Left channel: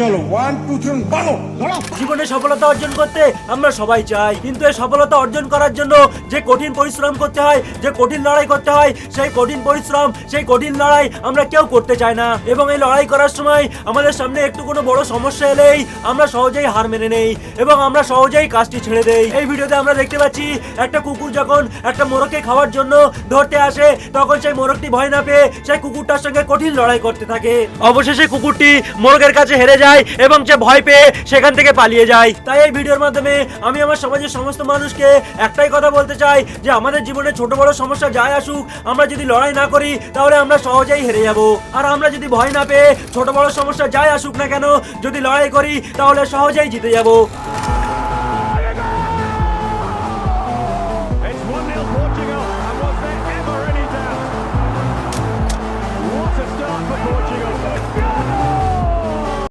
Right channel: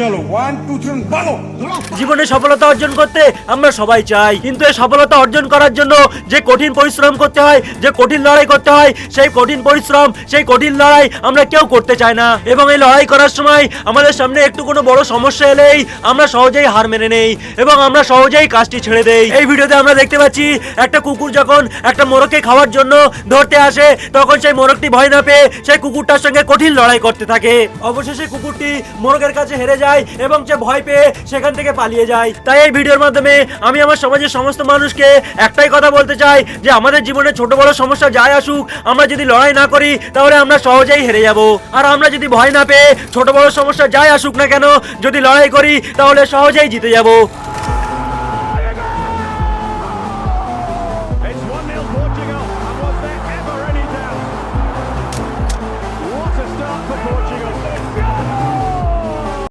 চলো 1 2 3 বলো। জীবনে সফলতা অর্জন করতে আমরা সবাই চাই, কিন্তু এই সফলতা অর্জন করার জন্য যে কঠিন পরিশ্রম করতে হয়, যে কঠিন লড়াই করতে হয়, সেই কঠিন পরিশ্রম, সেই কঠিন লড়াই আমরা কেউ করতে চাই না। এবং এই লড়াই করার সময় আমাদের সামনে একটু কোনো বড় সমস্যা এলেই আমরা সহজেই হার মেনে নেই এবং আমরা সহজেই কাজটি ছেড়ে দেই। এই ভিডিওতে আমরা দেখতে পাচ্ছি একটা কুকুর যখন একটা মোরগকে খাওয়ার জন্য ধরতে আসে, তখন সেই মোরগটি ভয় না পেয়ে সেই কুকুরটার সঙ্গে কঠিন লড়াই করতে থাকে। অবশেষে কুকুরটি মোরগের কাছে হেরে যায় এবং সে ভয় পেয়ে সেখান থেকে পালিয়ে যায়। তাই এই ভিডিওর মাধ্যমে আমি আমার সমাজের সমস্ত মানুষকে একটাই কথা বলতে চাই যে আমাদের জীবনে ছোট বড় সমস্যা যাই আসুক, আমরা যদি লড়াই না করি তাহলে আমরা সহজেই হেরে যাব। আর আমরা যদি ভয় না পেয়ে ছোট বড় সমস্যা যাই আসুক না কেন যদি লড়াই করি তাহলে সহজেই জিতে যাব।